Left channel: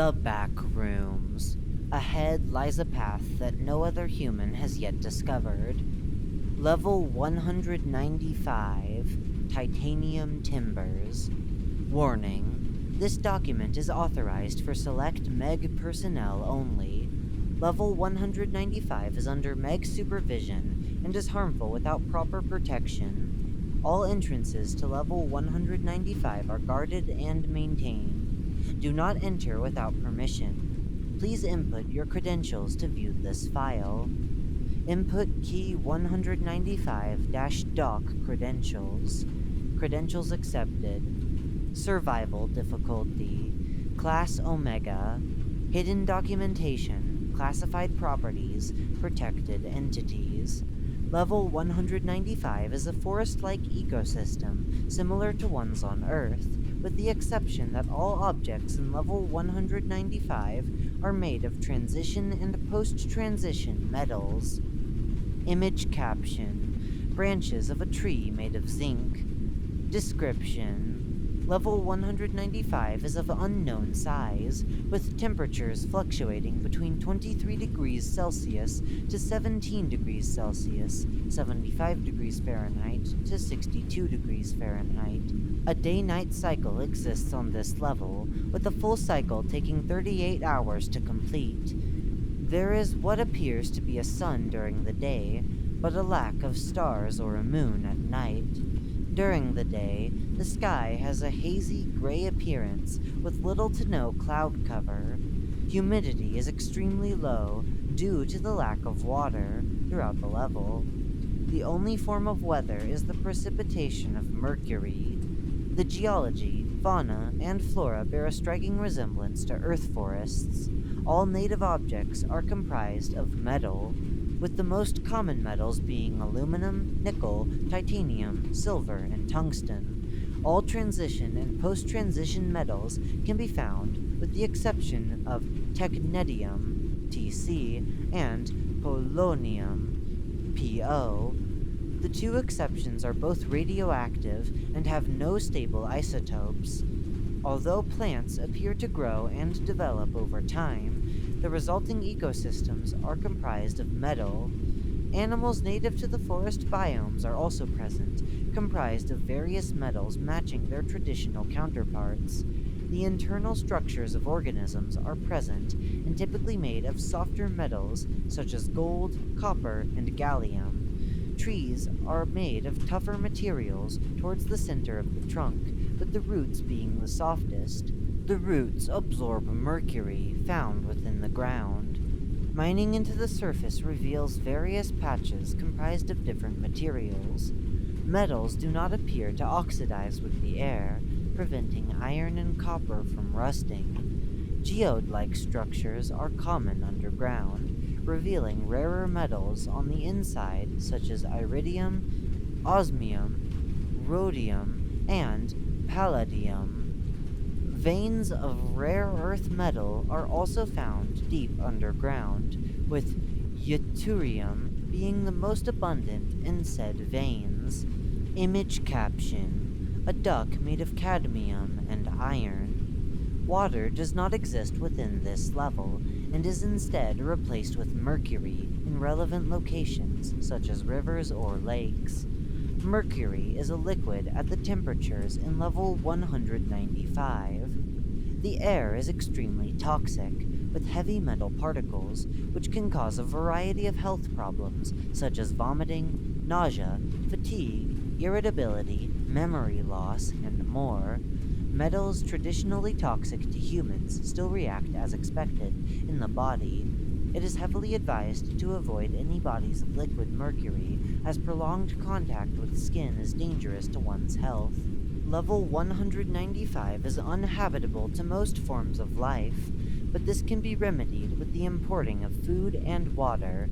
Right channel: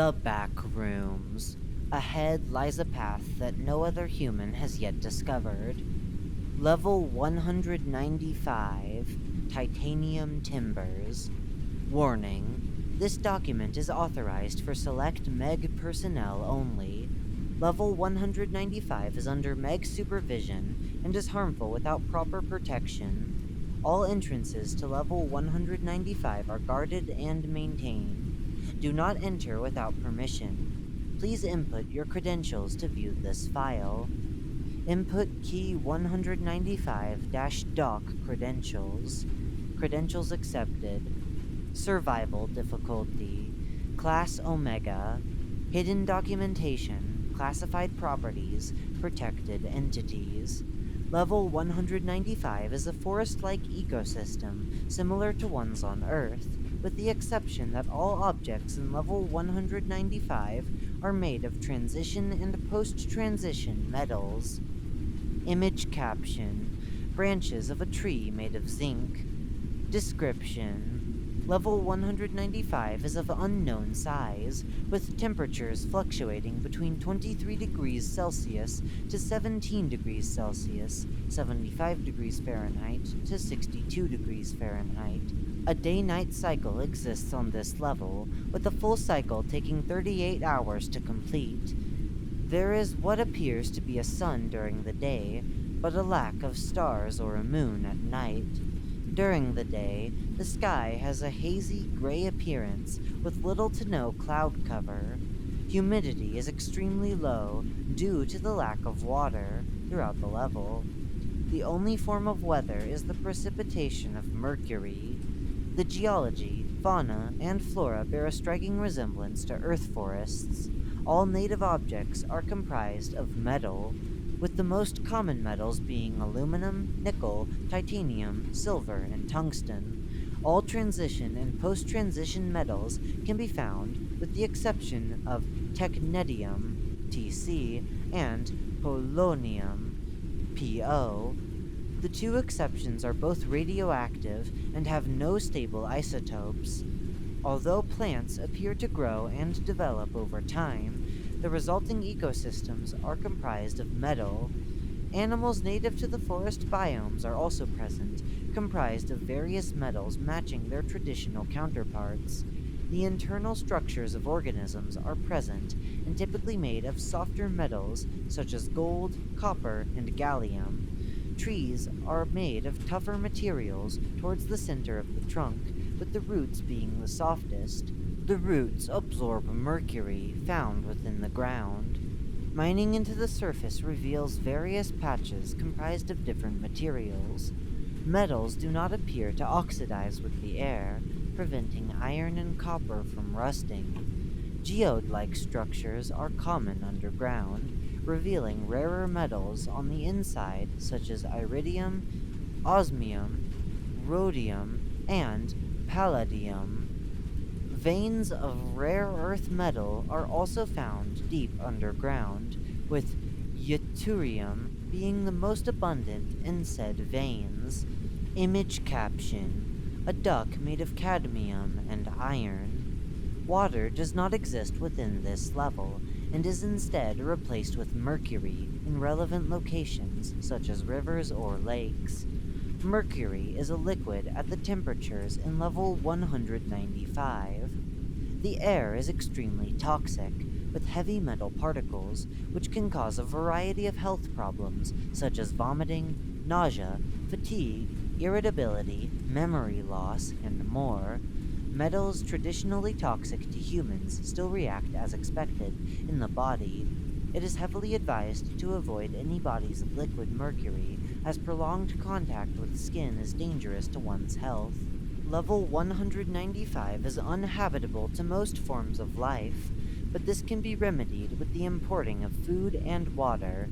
The Backrooms. Ahead lies a path that no other human has yet discovered. Level 195, Titanium Timbers. Warning: this document is authorized for select MEG personnel only. Level 195 is under MEG supervision and is harmful without proper protection. All entrances to Level 195 are guarded and maintained. Do not enter without permission. Please input your credentials to view this file. Input key 195-doc credentials. Credentials accepted. Survival difficulty. Class Omega. Hidden documentation. Classified properties. Protected entities. Level 195 is a forest-like ecosystem similar to ones on Earth, with the exception that all objects in Level 195 are made of transition and post-transition metals. Image caption: branches of a tree made of zinc. Description: Level 195 is of unknown size, with temperatures fluctuating between 23 degrees Celsius to 17 degrees Celsius, 75 degrees Fahrenheit to 62 degrees Fahrenheit. A day-night cycle exists on this level, with a full cycle taking 38 hours to complete. There is what appears to be a sun during the day, but a lack of stars or a moon at night. During the day, the sky has a hazy gray appearance with little to no cloud cover. Humidity is extremely low due to the lack of water throughout the level. The only form of weather is the precipitation of mercury. The geology, fauna, and flora bear a striking resemblance to Earth forests. All native objects are comprised of metal, with the most common metals being aluminum, nickel, titanium, silver, and tungsten. All transition and post-transition metals can be found, with the exception of technetium, Tc, and polonium, Po. The two exceptions are both radioactive and have no stable isotopes. Although plants appear to grow and develop over time, the resulting ecosystems are comprised of metal. Animals native to the forest biomes are also present, comprised of various metals matching their traditional counterparts. The internal structures of organisms are present and typically made of softer metals such as gold, copper, and gallium. Trees are made of tougher materials towards the center of the trunk, with the roots being the softest. The roots absorb mercury found within the ground. Mining into the surface reveals various patches comprised of different materials. Metals do not appear to oxidize with the air, preventing iron and copper from rusting. Geode-like structures are common underground, revealing rarer metals on the inside such as iridium, osmium, rhodium, and palladium. Veins of rare earth metal are also found deep underground, with yttrium being the most abundant in said veins. Image caption: a duck made of cadmium and iron. Water does not exist within this level, and is instead replaced with mercury in relevant locations such as rivers or lakes. Mercury is a liquid at the temperatures in level 195. The air is extremely toxic, with heavy metal particles, which can cause a variety of health problems such as vomiting, nausea, fatigue, irritability, memory loss, and more. Metals traditionally toxic to humans still react as expected in the body. It is heavily advised to avoid any bodies of liquid mercury, as prolonged contact with skin is dangerous to one's health. Level 195 is uninhabitable to most forms of life, but this can be remedied with the importing of food and water.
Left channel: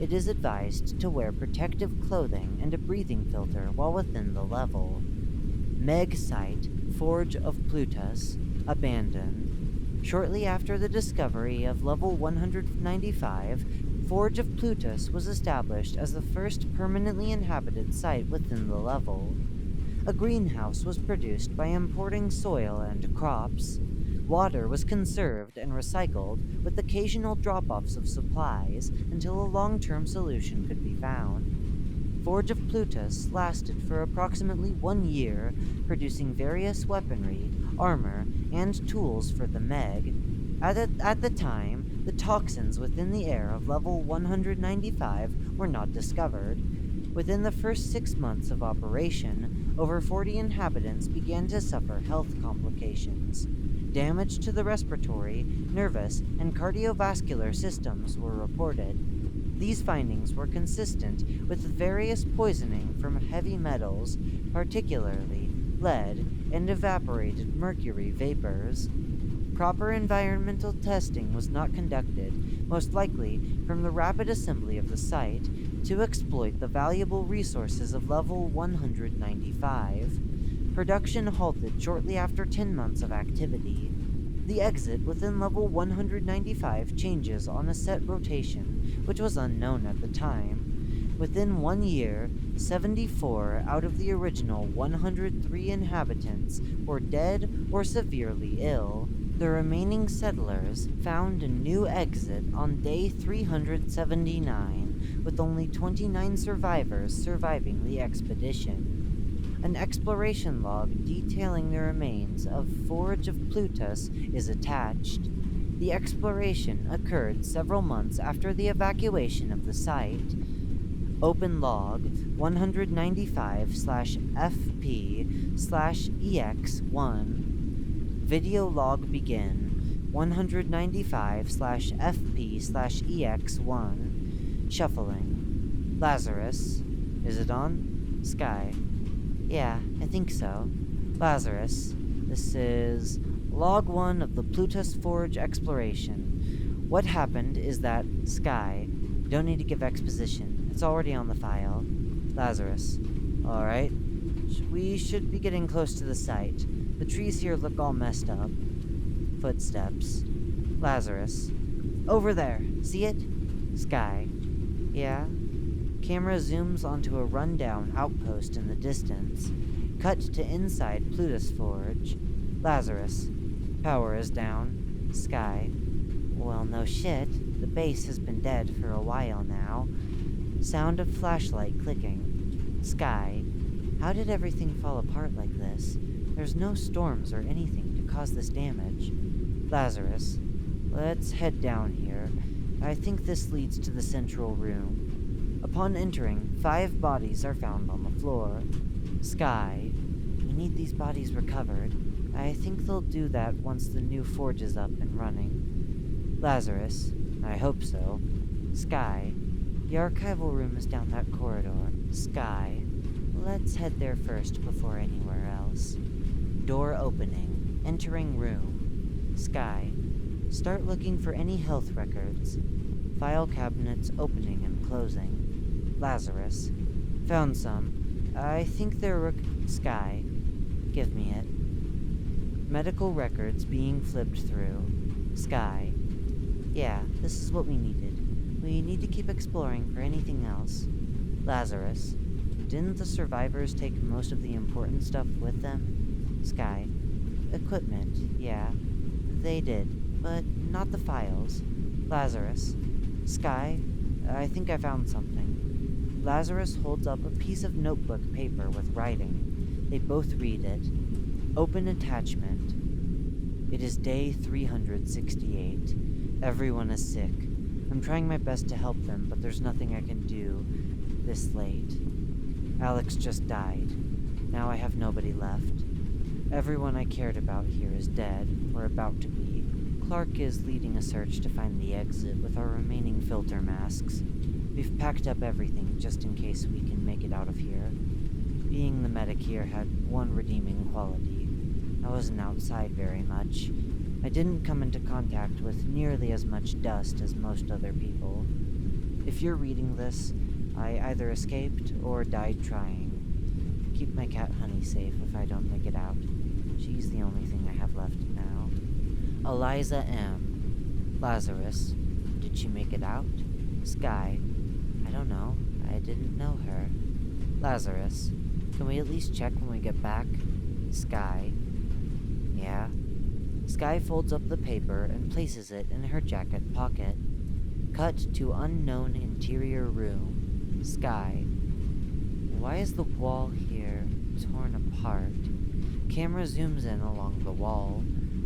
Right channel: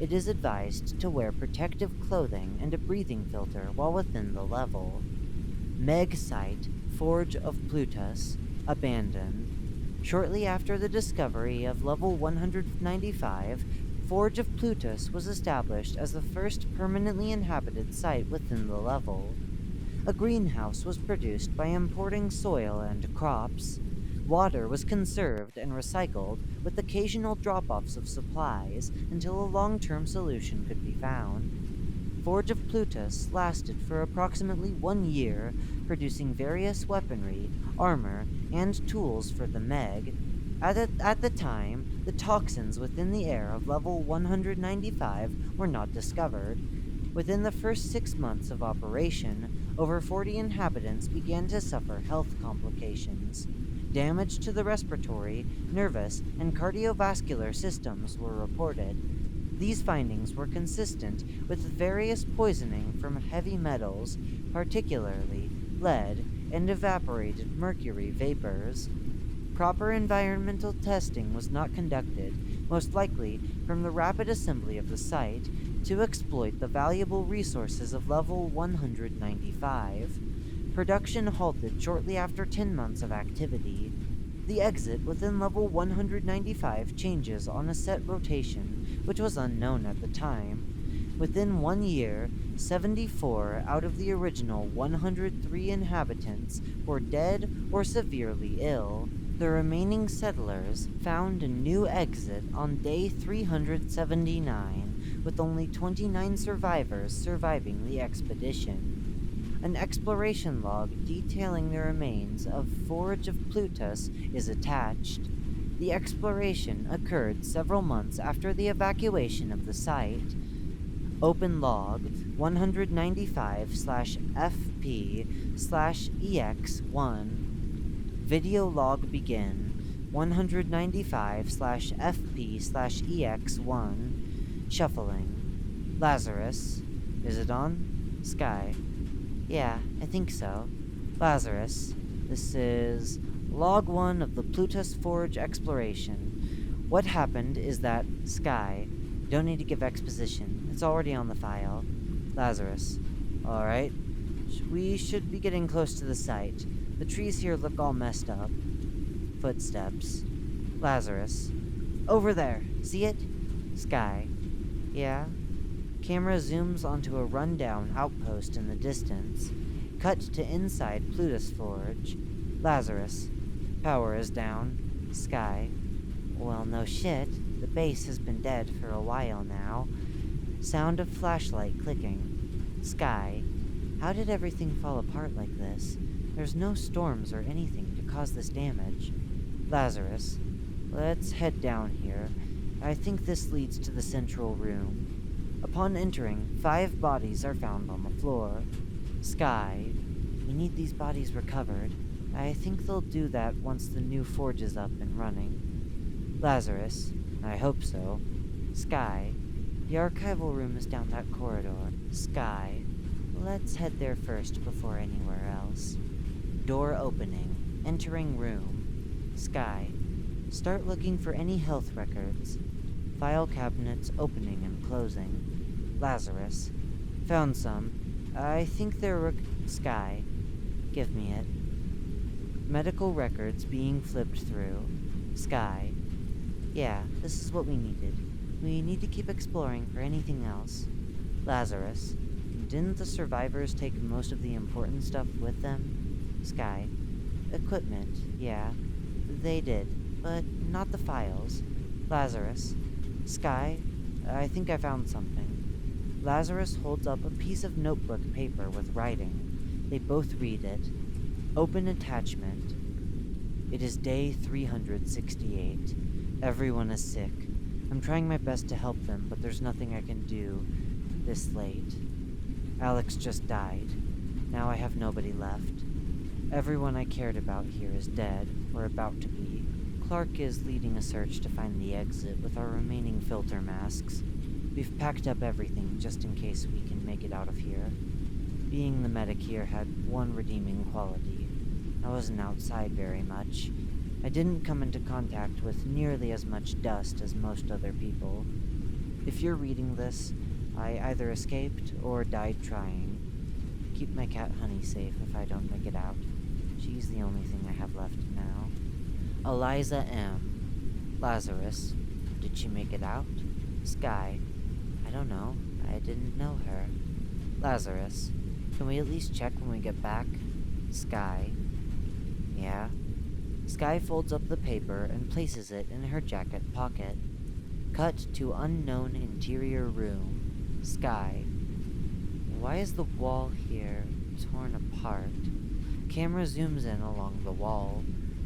It is advised to wear protective clothing and a breathing filter while within the level. Meg Site, Forge of Plutus, abandoned. Shortly after the discovery of Level 195, Forge of Plutus was established as the first permanently inhabited site within the level. A greenhouse was produced by importing soil and crops. Water was conserved and recycled, with occasional drop-offs of supplies until a long-term solution could be found. Forge of Plutus lasted for approximately 1 year, producing various weaponry, armor, and tools for the Meg. At the time, the toxins within the air of level 195 were not discovered. Within the first 6 months of operation, over 40 inhabitants began to suffer health complications. Damage to the respiratory, nervous, and cardiovascular systems were reported. These findings were consistent with various poisoning from heavy metals, particularly lead and evaporated mercury vapors. Proper environmental testing was not conducted, most likely from the rapid assembly of the site to exploit the valuable resources of level 195. Production halted shortly after 10 months of activity. The exit within level 195 changes on a set rotation, which was unknown at the time. Within 1 year, 74 out of the original 103 inhabitants were dead or severely ill. The remaining settlers found a new exit on day 379, with only 29 survivors surviving the expedition. An exploration log detailing the remains of Forge of Plutus is attached. The exploration occurred several months after the evacuation of the site. Open log 195/FP/EX1. Video log begin 195/FP/EX1. Shuffling. Lazarus. Is it on? Sky. Yeah, I think so. Lazarus. This is log 1 of the Plutus Forge exploration. What happened is that Sky. Don't need to give exposition. It's already on the file. Lazarus. Alright. We should be getting close to the site. The trees here look all messed up. Footsteps. Lazarus. Over there. See it? Sky. Yeah? Camera zooms onto a rundown outpost in the distance. Cut to inside Plutus Forge. Lazarus. Power is down. Sky. Well, no shit. The base has been dead for a while now. Sound of flashlight clicking. Sky. How did everything fall apart like this? There's no storms or anything to cause this damage. Lazarus. Let's head down here. I think this leads to the central room. Upon entering, 5 bodies are found on the floor. Sky. We need these bodies recovered. I think they'll do that once the new forge is up and running. Lazarus. I hope so. Sky. The archival room is down that corridor. Sky. Let's head there first before anywhere else. Door opening. Entering room. Sky. Start looking for any health records. File cabinets opening and closing. Lazarus. Found some. I think they're Sky. Give me it. Medical records being flipped through. Sky. Yeah, this is what we needed. We need to keep exploring for anything else. Lazarus. Didn't the survivors take most of the important stuff with them? Sky. Equipment, yeah. They did, but not the files. Lazarus. Sky, I think I found something. Lazarus holds up a piece of notebook paper with writing. They both read it. Open attachment. It is day 368. Everyone is sick. I'm trying my best to help them, but there's nothing I can do this late. Alex just died. Now I have nobody left. Everyone I cared about here is dead, or about to be. Clark is leading a search to find the exit with our remaining filter masks. We've packed up everything just in case we can make it out of here. Being the medic here had one redeeming quality. I wasn't outside very much. I didn't come into contact with nearly as much dust as most other people. If you're reading this, I either escaped or died trying. Keep my cat Honey safe if I don't make it out. She's the only thing I have left now. Eliza M. Lazarus. Did she make it out? Sky. I don't know. I didn't know her. Lazarus. Can we at least check when we get back? Sky. Yeah. Sky folds up the paper and places it in her jacket pocket. Cut to unknown interior room. Sky. Why is the wall here torn apart? Camera zooms in along the wall.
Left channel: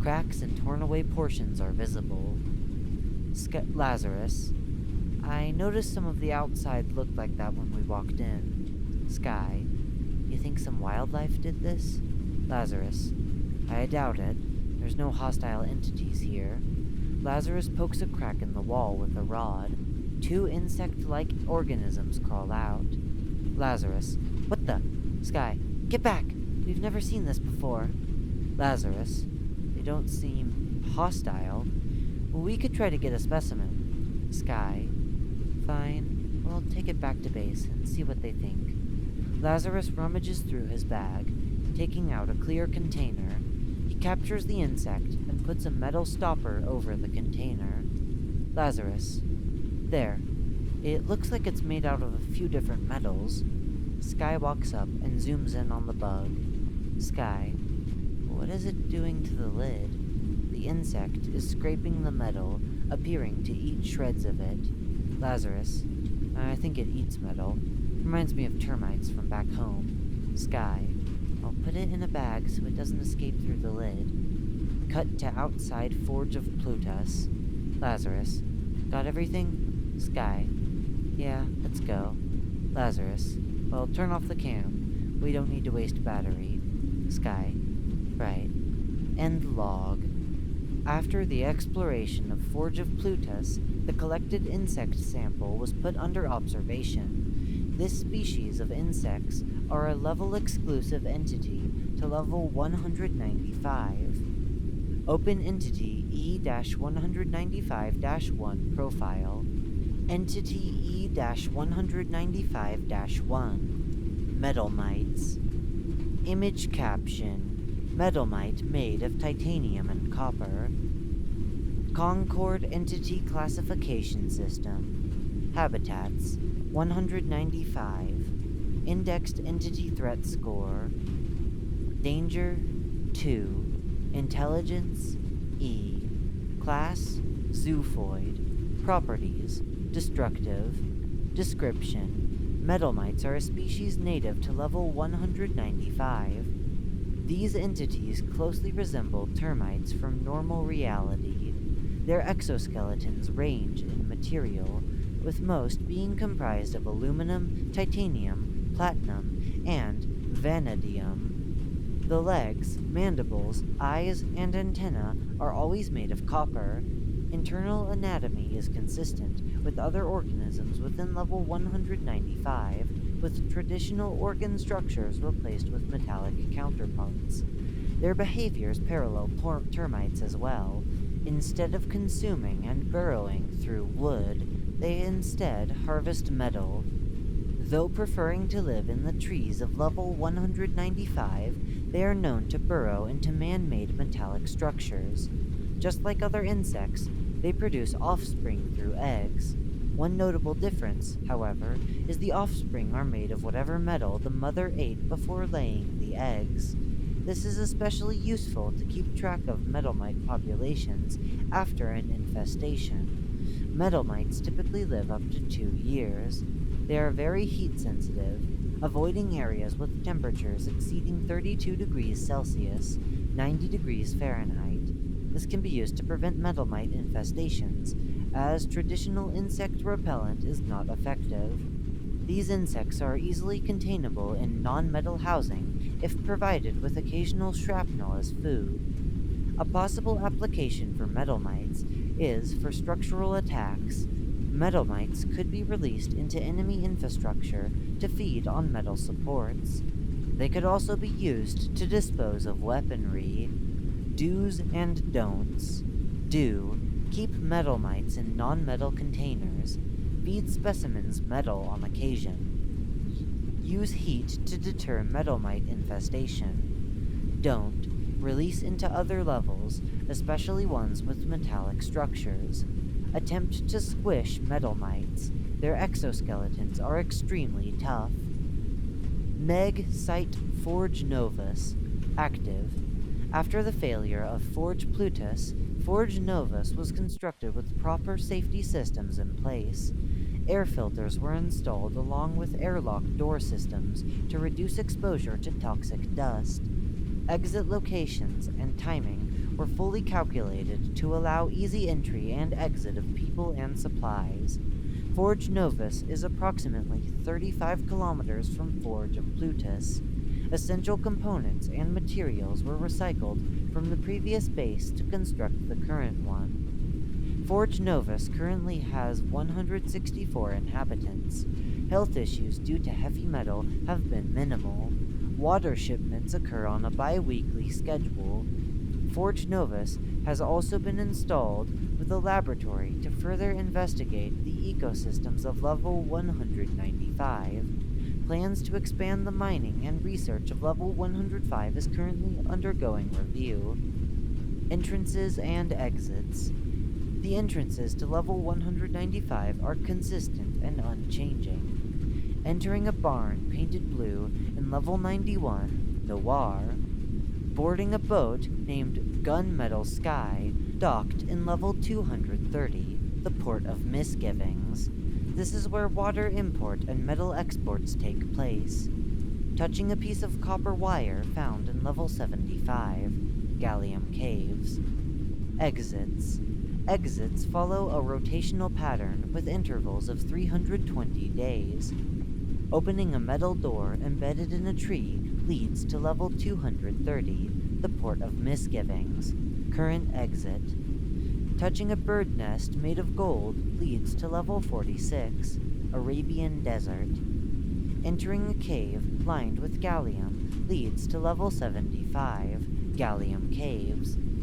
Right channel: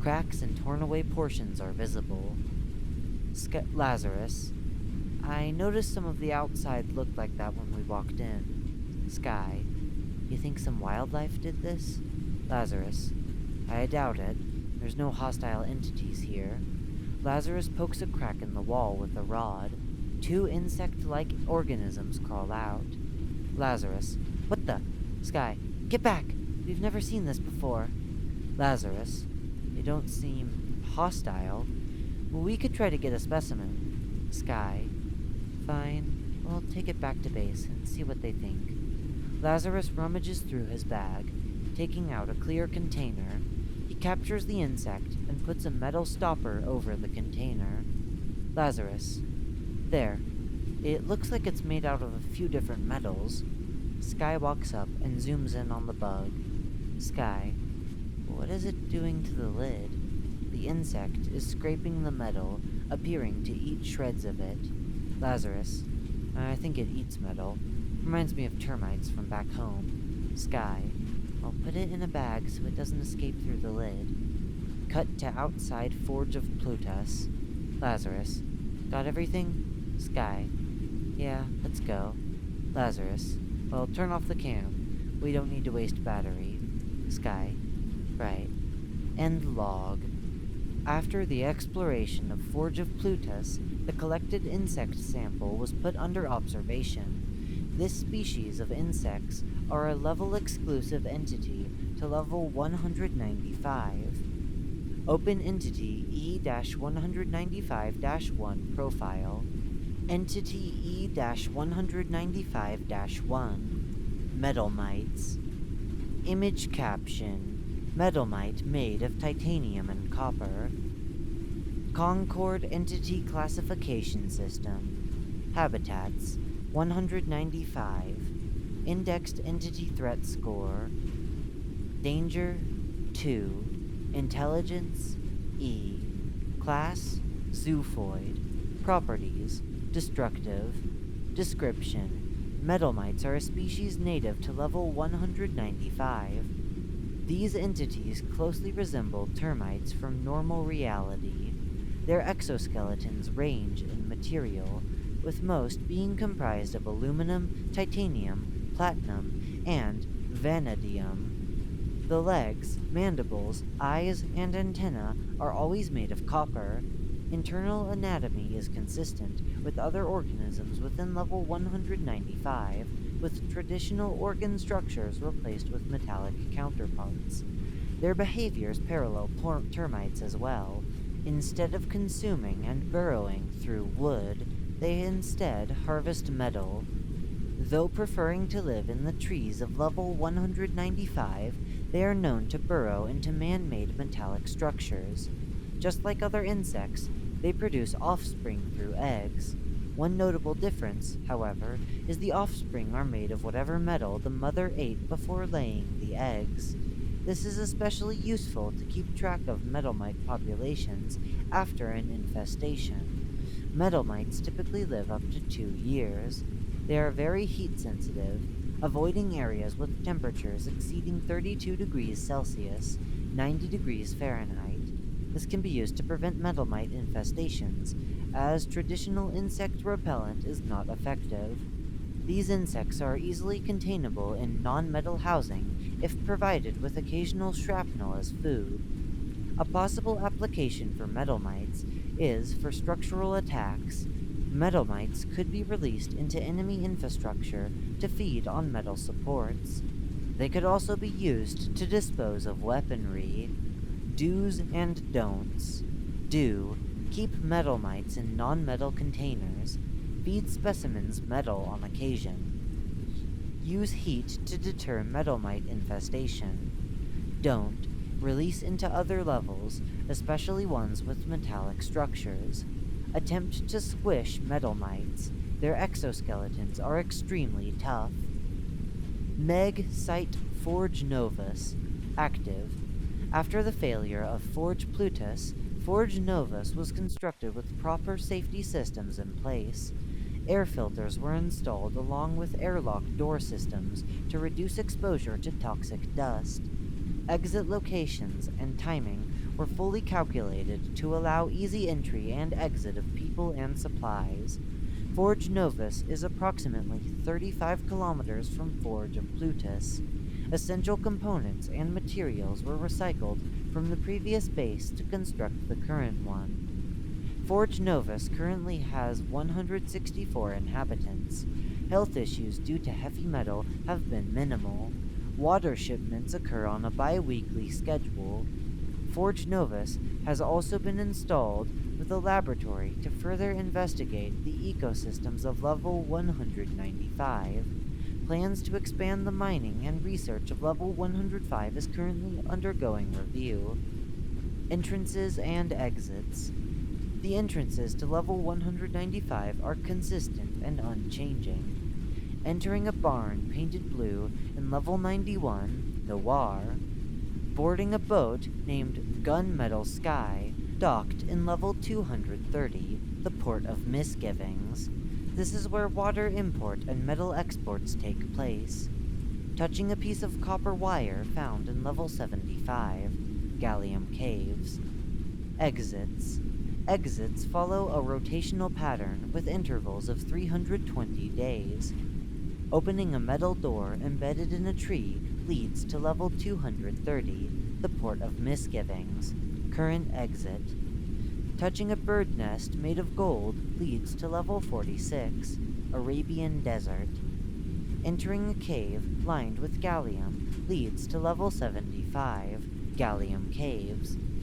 Cracks and torn away portions are visible. Lazarus. I noticed some of the outside looked like that when we walked in. Sky. You think some wildlife did this? Lazarus. I doubt it. There's no hostile entities here. Lazarus pokes a crack in the wall with a rod. 2 insect-like organisms crawl out. Lazarus. What the? Sky. Get back! We've never seen this before. Lazarus. They don't seem hostile. We could try to get a specimen. Sky. Fine. We'll take it back to base and see what they think. Lazarus rummages through his bag, taking out a clear container. He captures the insect and puts a metal stopper over the container. Lazarus. There. It looks like it's made out of a few different metals. Sky walks up and zooms in on the bug. Sky. What is it doing to the lid? The insect is scraping the metal, appearing to eat shreds of it. Lazarus. I think it eats metal. Reminds me of termites from back home. Sky. I'll put it in a bag so it doesn't escape through the lid. Cut to outside Forge of Plutus. Lazarus. Got everything? Sky. Yeah, let's go. Lazarus. Well, turn off the cam. We don't need to waste battery. Sky. Right. End log. After the exploration of Forge of Plutus, the collected insect sample was put under observation. This species of insects are a level-exclusive entity to level 195. Open Entity E-195-1 Profile. Entity E-195-1 Metal Mites. Image caption. Metal mite made of titanium and copper. Concord Entity Classification System. Habitats 195. Indexed Entity Threat Score. Danger 2. Intelligence E. Class Zoofoid. Properties Destructive. Description: Metal mites are a species native to level 195. These entities closely resemble termites from normal reality. Their exoskeletons range in material, with most being comprised of aluminum, titanium, platinum, and vanadium. The legs, mandibles, eyes, and antennae are always made of copper. Internal anatomy is consistent with other organisms within level 195, with traditional organ structures replaced with metallic counterparts. Their behaviors parallel termites as well. Instead of consuming and burrowing through wood, they instead harvest metal. Though preferring to live in the trees of level 195, they are known to burrow into man-made metallic structures. Just like other insects, they produce offspring through eggs. One notable difference, however, is the offspring are made of whatever metal the mother ate before laying the eggs. This is especially useful to keep track of metal mite populations after an infestation. Metal mites typically live up to 2 years. They are very heat sensitive, avoiding areas with temperatures exceeding 32 degrees Celsius, 90 degrees Fahrenheit. This can be used to prevent metal mite infestations, as traditional insect repellent is not effective. These insects are easily containable in non-metal housing if provided with occasional shrapnel as food. A possible application for metal mites is for structural attacks. Metal mites could be released into enemy infrastructure to feed on metal supports. They could also be used to dispose of weaponry. Do's and don'ts. Do. Keep metal mites in non-metal containers. Feed specimens metal on occasion. Use heat to deter metal mite infestation. Don't. Release into other levels, especially ones with metallic structures. Attempt to squish metal mites. Their exoskeletons are extremely tough. Meg Site Forge Novus. Active. After the failure of Forge Plutus, Forge Novus was constructed with proper safety systems in place. Air filters were installed along with airlock door systems to reduce exposure to toxic dust. Exit locations and timing were fully calculated to allow easy entry and exit of people and supplies. Forge Novus is approximately 35 kilometers from Forge of Plutus. Essential components and materials were recycled from the previous base to construct the current one. Forge Novus currently has 164 inhabitants. Health issues due to heavy metal have been minimal. Water shipments occur on a bi-weekly schedule. Forge Novus has also been installed with a laboratory to further investigate the ecosystems of level 195. Plans to expand the mining and research of level 105 is currently undergoing review. Entrances and exits. The entrances to level 195 are consistent and unchanging. Entering a barn painted blue in level 91, Noir. Boarding a boat named Gunmetal Sky, docked in level 230, the Port of Misgivings. This is where water import and metal exports take place. Touching a piece of copper wire found in level 75, Gallium Caves. Exits. Exits follow a rotational pattern with intervals of 320 days. Opening a metal door embedded in a tree leads to level 230, the Port of Misgivings. Current exit. Touching a bird nest made of gold leads to level 46, Arabian Desert. Entering a cave lined with gallium leads to level 75, Gallium Caves.